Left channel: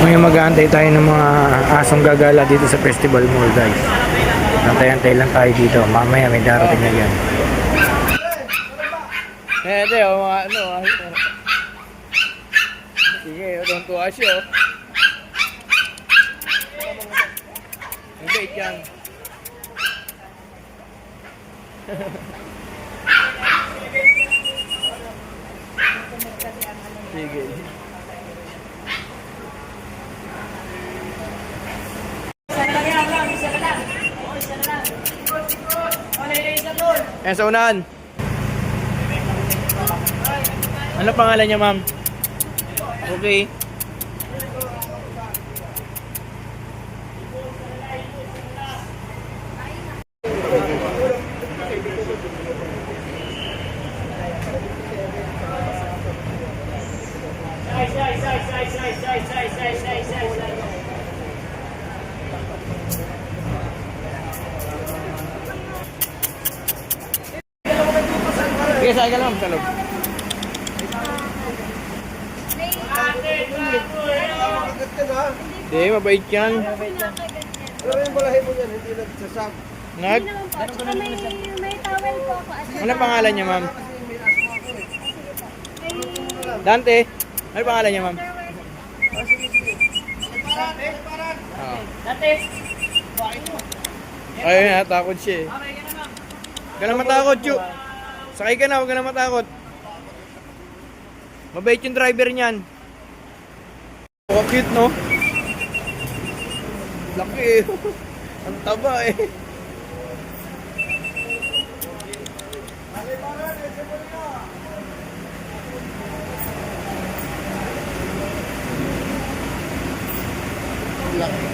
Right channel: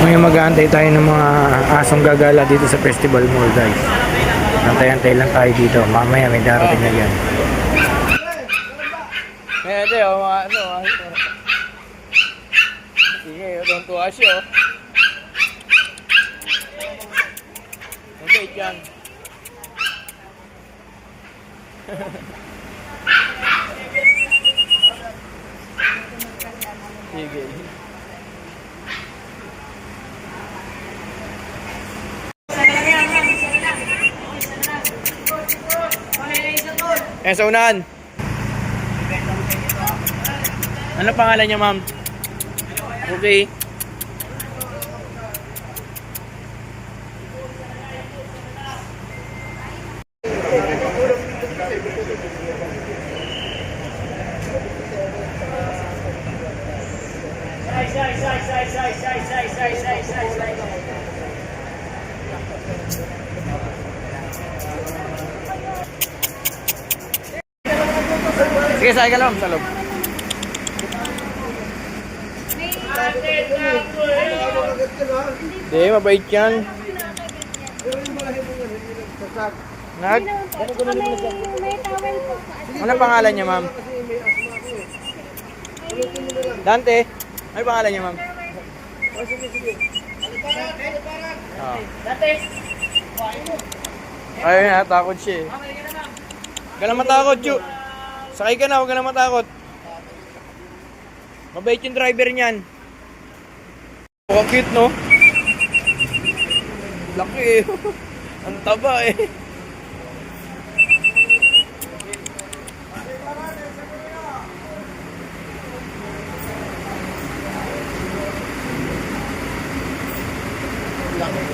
Ngayon mag-aantay tayo ng mga asong gagala dito sa Festival Mall, guys. Antay-antay lang tayo dito. Mamaya may darating na yan. Hindi, ano, sige, tuwa siya, oh. Hindi, yan. Sige. Sa unahan. Ano pangalan niya, ma'am? Okay. Sige, sakay ka lang sa loob. Hindi, mabait yan. Nag? Ano pangalan niya, ma'am? Dante? Ano pangalan niya, ma'am? Dante? Ayun na, takot siya eh. Huwag ka na matakot, Chu. Sakay ka na, huwag ka na matakot. Mabait yung driver niyan. Oh, cute, no? Laki eh. Ang taba eh. Laki.